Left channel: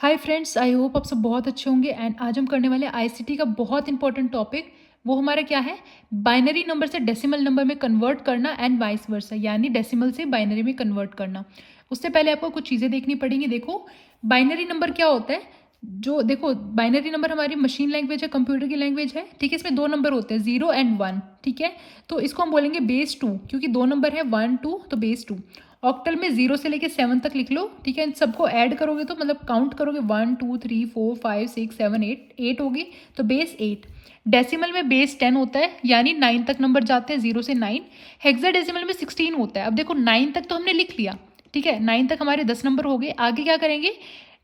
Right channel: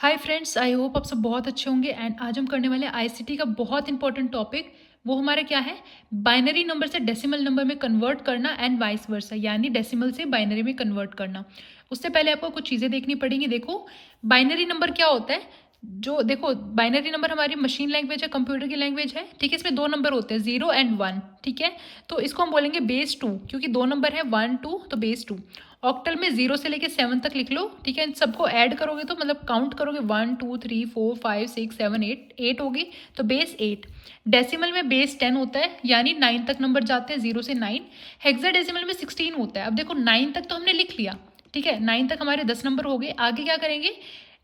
Hi friends, I hope आप सब बहुत अच्छे होंगे। एंड आज हम करने वाले हैं आईसीटी का बहुत इंपॉर्टेंट टॉपिक। वो हमारा क्या है? बाइनरी नंबर से डेसिमल नंबर में कन्वर्ट करना एंड वाइस वर्सा, यानी डेसिमल से बाइनरी में कन्वर्ट करना। उससे पहले आपको कुछ चीज़ें देखनी पड़ेंगी। देखो, बाइनरी नंबर क्या होता है? जो देखो, बाइनरी नंबर हमारी मशीन लैंग्वेज है, कंप्यूटर की लैंग्वेज है। ठीक है, इसमें दो नंबर होते हैं, 0 एंड 1। ठीक है, तो इसको हम बोलेंगे बेस 2, क्योंकि दो नंबर है 1 2, तो बेस 2। ऑक्टल में 0 से लेके 7 तक लिख लो। ठीक है, इन सबको ऐड करोगे तो मतलब काउंट करोगे 1 2 3 4 5 6 7 8 होगी, तो बेस 8। डेसिमल में बेस 10 होता है, यानी 9 तक नंबर जाते हैं, 0 से 9। हेक्साडेसिमल में 16 होता है। अब देखो, 9 तक तो हमने लिख लिया। ठीक है, 9 तक हमारे 10 नंबर हो गए। आगे क्या करेंगे?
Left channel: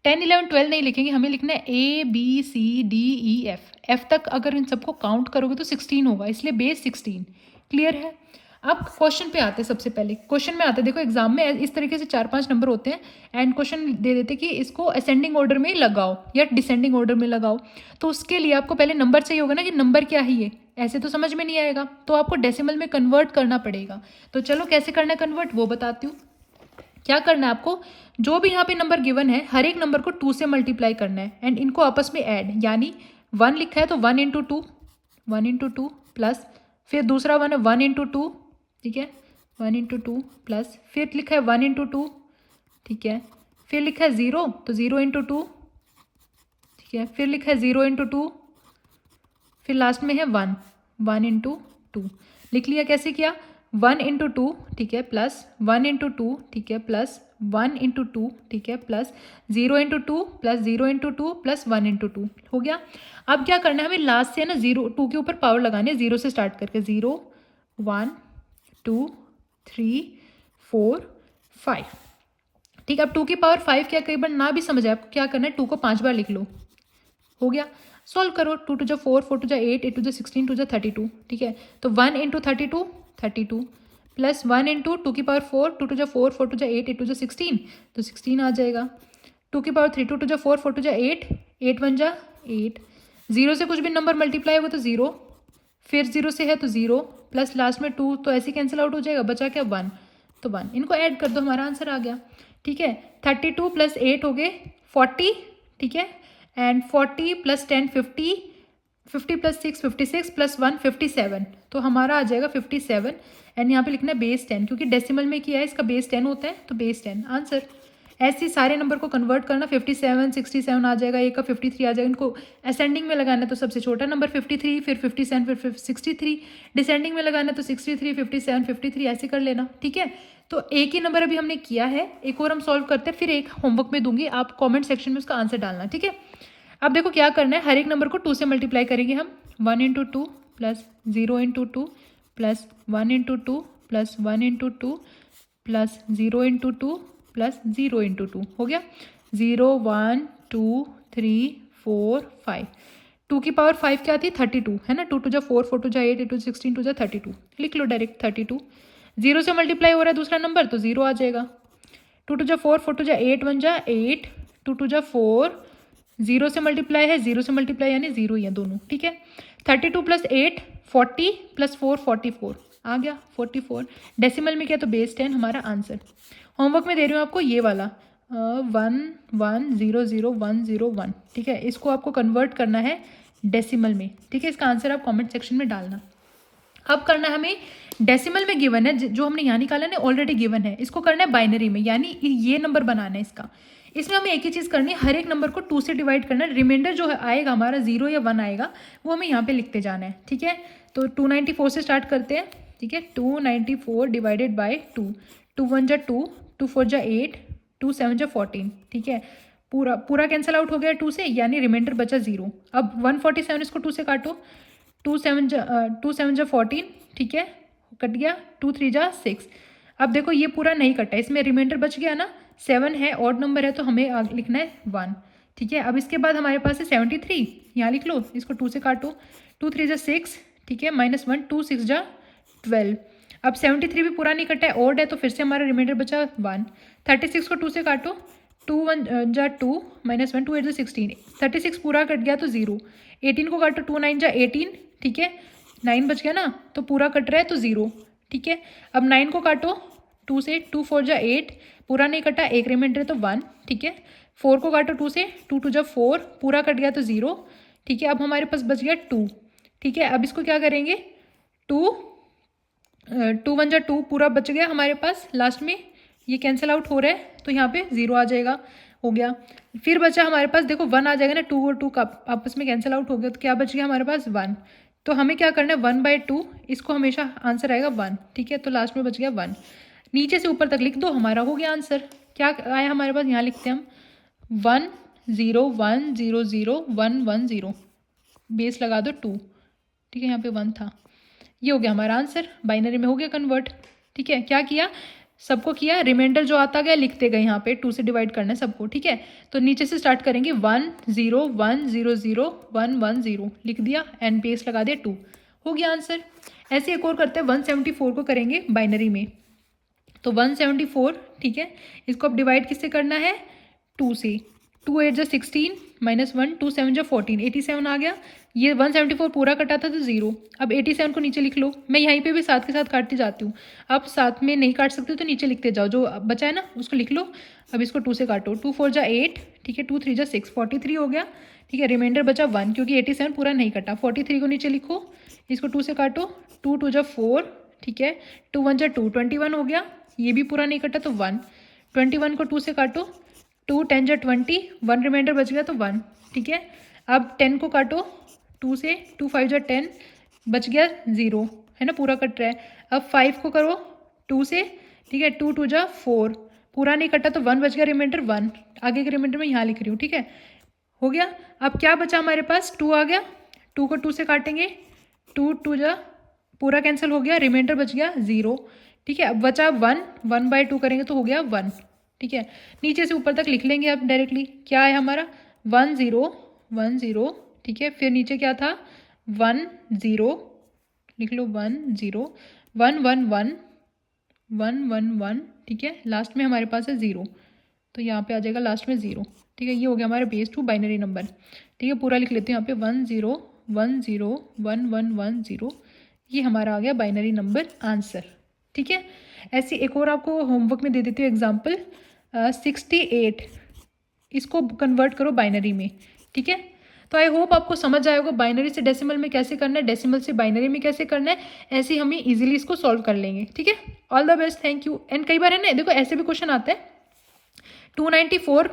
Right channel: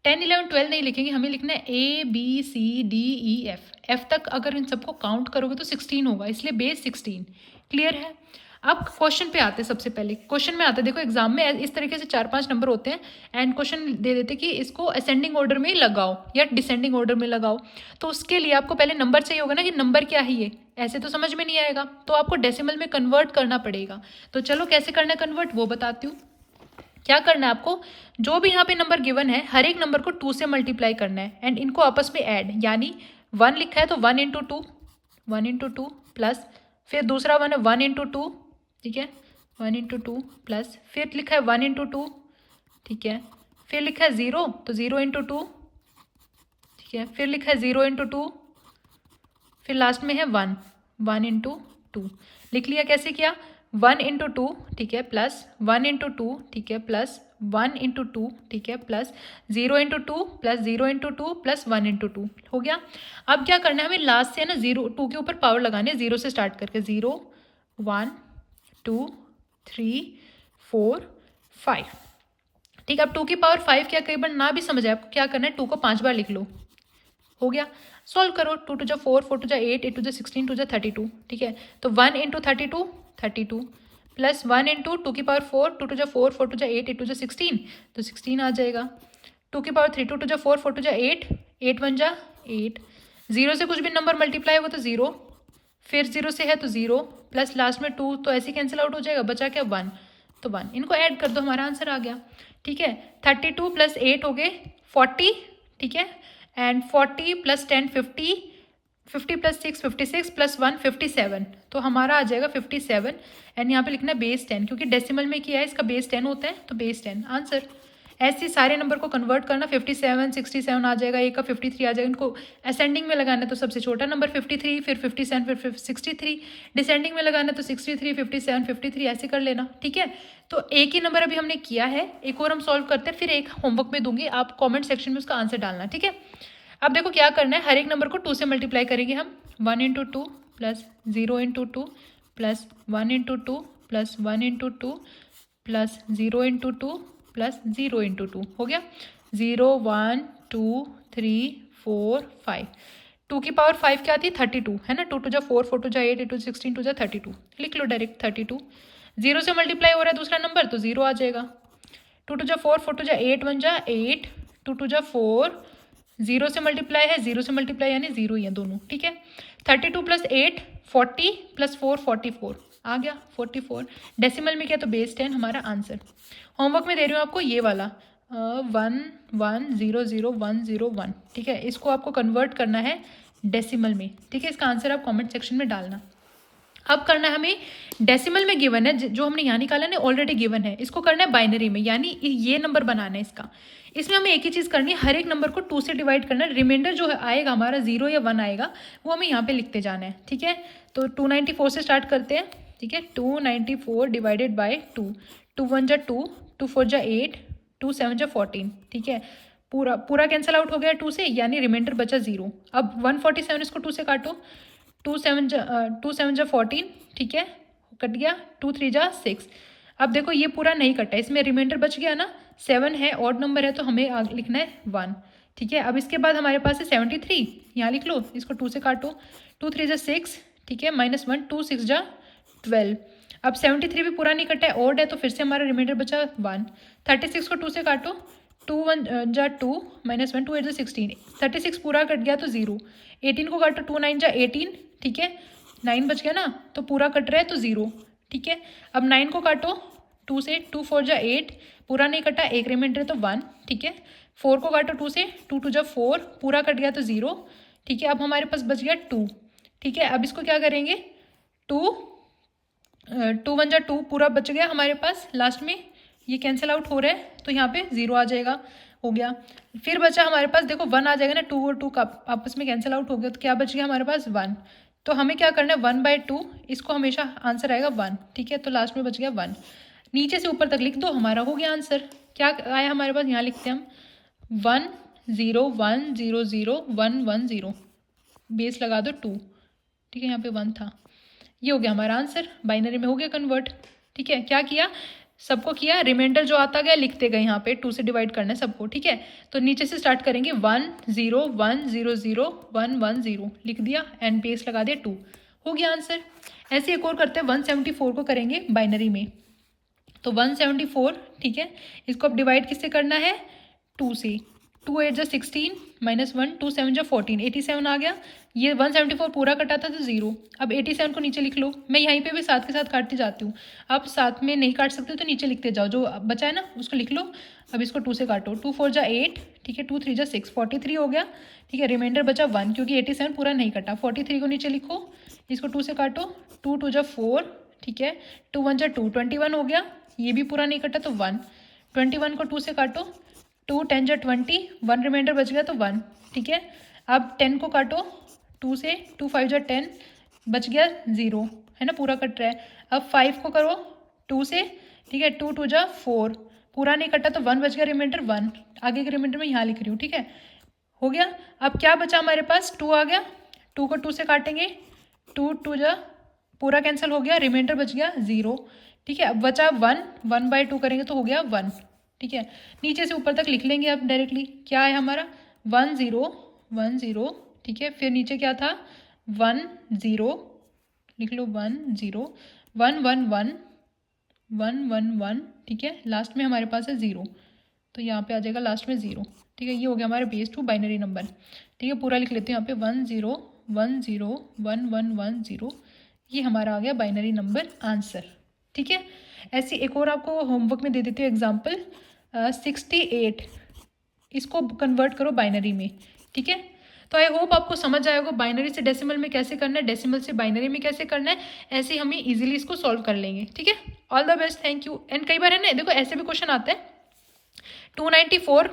10 11 12 नहीं लिखेंगे, हमें लिखना है ABCDEF। एफ तक अगर इन सबको काउंट करोगे तो 16 होगा, इसलिए बेस 16। क्लियर है? अब क्वेश्चन पे आते हैं। सबसे पहले क्वेश्चन में आते हैं, देखो एग्जाम में इस तरीके से 4-5 नंबर होते हैं एंड क्वेश्चन दे देते कि इसको असेंडिंग ऑर्डर में लगाओ या डिसेंडिंग ऑर्डर में लगाओ। तो उसके लिए आपको पहले नंबर चाहिए होगा ना, कि नंबर क्या है ये। ऐसे तो समझ में नहीं आएगा, तो आपको डेसिमल में कन्वर्ट करना पड़ेगा। तो चलो कैसे करना है कन्वर्ट, वो बताती हूँ। क्या करना है आपको? जो भी यहाँ पे नंबर गिवन है, हर एक नंबर को 2 से मल्टीप्लाई करना है एंड इनको आपस में ऐड, यानी 1 लिखा है तो 1 into two, 1 into two plus, फिर दूसरा 1 है 1 इंटू टू। ठीक है, 1 इंटू टू प्लस, फिर लिखा है 1 इंटू टू। ठीक है, फिर लिखा है 0 तो 0 इंटू टू। ठीक है, फिर लिखा है 0 इंटू टू, फिर लास्ट में है 1, 1 इंटू टू। लिख लिया? कैसे किया? 1 इंटू टू, ठीक है, प्लस 1 इंटू टू, ठीक है, प्लस 1 इंटू टू, ठीक है, plus 0 into two, plus 0 into two, plus 1 into two. हो गया। अब क्या करना है हमें? लास्ट से है ना 0 2 के ऊपर पावर लगाने, 0 से स्टार्ट करके 0 1 2 3 4 5। ठीक है, अब 2 की पावर 5 क्या, कई बार ना भी समझ आए आपको, क्या करना है? 2 को 5 बार लिख लो। हो गया। सॉल्व करो। 2 टू जा 4, 4 टू जा 8, 8 टू जा 16, 2 जा 32। ठीक है, तो 1 इंटू 32, 32 प्लस 1 इंटू 2 की पावर 4, 2 टू जा 4, 4 टू जा 8, 8 टू जा 16, तो 16 आ जाएगा। 2 की पावर 3, 2 टू जा 4, 4 टू जा 8, 8 1 जा 8। 0 से कुछ भी नंबर मल्टीप्लाई होगा तो 0, फिर 0 से है तो 0, प्लस लास्ट में 2, तो ऐसे कैंसिल आउट हो जाएगा, बचा क्या? 1, तो 1। इनको ऐड कर दो, हमारा आंसर आ गया। ठीक है, 32 प्लस 8 हो गए 40। ठीक है, एंड 40 प्लस 10 50, 50 प्लस 6 56, प्लस 1 57, तो हमारा आ जाएगा 57। एंड यहाँ पे लिखना है बेस 10, क्योंकि डेसिमल में किया है, इसका बेस 10 होता है, तो बेस 10 आंसर। ऐसे सारे नंबर को कन्वर्ट करना। 57 67 आ जाएगा, एक का 53 आ जाएगा। इनको असेंडिंग में लगाना है तो सबसे छोटा नंबर 53, फिर 57, फिर 63। डिसेंडिंग में लगाना है तो 63 57 53, ऐसे कर लेना। ठीक है, तो एक ही नंबर अभी हमने किया है, एक और हम सॉल्व करते हैं, फिर एक होमवर्क में दूंगी, आप कमेंट सेक्शन में उसका आंसर डालना। ठीक है, अब देखो क्या करना है, हर एक नंबर को 2 से मल्टीप्लाई करेंगे हम। 1 into two plus 0 into two plus 1 into two plus 1 into two plus 0 into two plus 0 into two. हो गया। 0 1 2 3 4 5। 2 की पावर 5 क्या थी? 32 है ना। 2 टू जा 4, 4 टू जा 8, 8 टू 16, 2 जा 32। लिख लो डायरेक्ट 32। 0 से मल्टीप्लाई हो रहा है दूसरा नंबर, तो 0 आ जाएगा। 2 टू जा 4, 4 टू जा 8, 1 जा 8, 2 टू जा 4, 0 से मल्टीप्लाई है, 0 से मल्टीप्लाई यानी 0 ही है दोनों। ठीक है, 32 प्लस 8 40, प्लस 4 44 आ गया 44। डेसिमल में क्या, तो बेस 10 हमारा आंसर। होमवर्क में दे रही हूँ आपको ये वाला 1 1 0 0 1 0 1। ठीक है, इसको आपको कन्वर्ट करना है डेसिमल में। ठीक है, इसका आंसर आप कमेंट सेक्शन में डालना। अब करना है हमें, डेसिमल में गिवन है, जो हमने यहाँ निकाला ना ऑलरेडी गिवन है, इसको करना है बाइनरी में, यानी ये नंबर बनाना है इसका। इसमें हमें एक ही चीज़ करनी है, हर एक नंबर को 2 से डिवाइड करना है। रिमाइंडर जो है आएगा हमारा 0 या 1 आएगा, वो हमें यहाँ पे लिखते जाना है। ठीक है, तो 294 से स्टार्ट करते हैं। ठीक है, 294 डिवाइडेड बाई 2। 2 1 जा 2, 2 4 जा 8, 2 7 जा 14। ठीक है, पूरा पूरा कैंसिल आउट हो गया 2 से, यानी रिमाइंडर बचा 0। अब 147 इसको 2 से काटो। 2 7 जा 14। ठीक है, कट गया। 2 3 जा 6। अब देखो ये पूरा नहीं कटा, इसमें रिमाइंडर बच गया ना। 7 है, ऑड नंबर है, तो हमें लिखना है 1। ठीक है, अब इसके बाद हमारे पास है 73, यहाँ लिख लो, इसको 2 से काटो। 2 3 जा 6, ठीक है, -1, 2 6 जा 12। अब 73 भी पूरा नहीं कटा है, ऑड है, तो फिर से हमारा रिमाइंडर बचा 1। 36 को 2 से काटो। 2 1 जा 2, -1, 2 8 जा 16। 36 पूरा कट गया तो 0। 18 को काटो, 2 9 जा 18। ठीक है, 9 बच गया ना, तो पूरा कट रहा है तो 0। ठीक है, अब 9 को काटो 2 से। 2 4 जा 8, पूरा नहीं कटा, एक रिमाइंडर है तो 1। ठीक है, 4 को काटो 2 से, 2 2 जा 4, पूरा कट गया तो 0, ठीक है। अब हमारे पास बच गया 2, ठीक है। अब इसको क्या करेंगे, 2 2 1 जा 2, पूरा बच गया हमारे पास। लास्ट में ये कैंसिल आउट हो रहा है तो यहाँ पे 0 आ जाएगा, हो गया। फिर बचा हमारे पास, देखो 1 आ जाएगा ना, 2 और 2 का आपस में कैंसिल आउट हो गया, तो क्या बच गया हमारे पास 1। तो हमें क्या करना है, 1/2, इसको हमेशा आंसर आएगा 1, ठीक है। तो लास्ट में बच गया 1, नीचे से ऊपर तक लिख दो, हमारा हो गया आंसर। क्या आया हमारे पास, यहाँ लिखते हैं हम 1 0 1 0 0 1 1 0, बेस लगा दो 2, ठीक है। यहाँ पे 1 था, ये हो गया हमारा आंसर, बाइनरी में हो गया कन्वर्ट, ठीक है। क्या किया, सबको किया, रिमाइंडर जो आता गया लिखते गए, यहाँ पे 2 से डिवाइड करना है सबको, ठीक है। तो नीचे से स्टार्ट करेंगे, 1 0 1 0 0 1 1 0 लिख दिया एंड बेस लगा दिया 2, हो गया आंसर। ऐसे एक और करते हैं, 174 को करेंगे बाइनरी में। तो 174, ठीक है, इसको अब डिवाइड किससे करना है, 2 से। 2 8 जा 16 -1, 2 7 जा 14, 87 आ गया। ये 174 पूरा कटा था तो 0। अब 87 को नीचे लिख लो, मैं यहीं पे भी साथ के साथ काटती जाती हूँ, आप साथ में नहीं काट सकते तो नीचे लिखते जाओ, जो बचा है ना उसको लिख लो। अब इसको 2 से काटो, 2 4 जा 8, ठीक है, 2 3 जा 6, 43 हो गया, ठीक है। रिमाइंडर बचा 1, क्योंकि 87 पूरा नहीं कटा। 43 को नीचे लिखो, इसको 2 से काटो, 2 2 जा 4, ठीक है, 2 1 जा 2, 21 हो गया, ये भी पूरा नहीं कटा तो 1। 21 को 2 से काटो, 2 10 जा 20, 1 रिमाइंडर बच गया तो 1, ठीक है। अब 10 को काटो 2 से, 2 5 जा 10, बच गया 0, है ना, पूरा कट रहा है। अब 5 को करो 2 से, ठीक है, 2 2 जा 4, पूरा नहीं कटा तो 1 बच गया, रिमाइंडर 1, आगे के रिमाइंडर में यहाँ लिख रही हूँ, ठीक है, हो गया। अब क्या बचा हमारे पास, 2 आ गया, 2 को 2 से काटेंगे, 2 2 जा, पूरा कैंसिल हो गया, रिमाइंडर बच गया 0, ठीक है। अब बचा 1, 1/2 करेंगे तो हो गया 1, ठीक है। नीचे से ऊपर तक लिख लेंगे अब डायरेक्टली, क्या है हमारा 1 0 1 0, ठीक है। फिर नीचे क्या था 1 0, लिख लो 1 0 1 1 1 1 1 1, ठीक है। लास्ट में हमारे पास है 0, तो यहाँ पे आ जाएगा लास्ट में 0, ठीक है। ये हो गया हमारा बेस 2 बाइनरी नंबर, ठीक है। पूरा लिख लेते हैं यहाँ पे 1 0 1 0 1 1 1 0, ये हमारा आ गया बाइनरी नंबर आंसर, ठीक है। ऐसे एक और आपको होमवर्क में दे देती हूँ एग्जाम्पल, 68, इसको कन्वर्ट करो बाइनरी में, ठीक है। तो आई होप आपको समझ आएगा बाइनरी से डेसिमल में कैसे करना है, डेसिमल से बाइनरी में कैसे करना है, ऐसे हम इजीली इसको सॉल्व कर लेंगे, ठीक है। All the best, thank you. And कई बार है ना, देखो ऐसे भी क्वेश्चन आते हैं, 294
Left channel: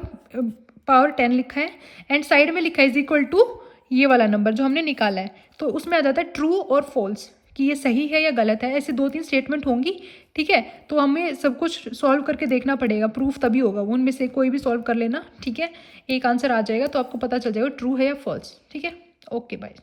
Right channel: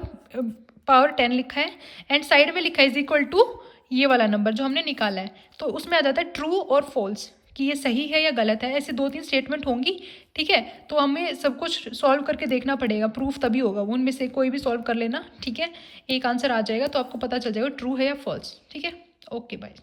पावर 10 लिखा है एंड साइड में लिखा है इज इक्वल टू ये वाला नंबर जो हमने निकाला है, तो उसमें आ जाता है ट्रू और फॉल्स, कि ये सही है या गलत है, ऐसे 2-3 स्टेटमेंट होंगी, ठीक है। तो हमें सब कुछ सॉल्व करके देखना पड़ेगा, प्रूफ तभी होगा, उनमें से कोई भी सॉल्व कर लेना, ठीक है। एक आंसर आ जाएगा तो आपको पता चल जाएगा ट्रू है या फॉल्स, ठीक है। Okay bye.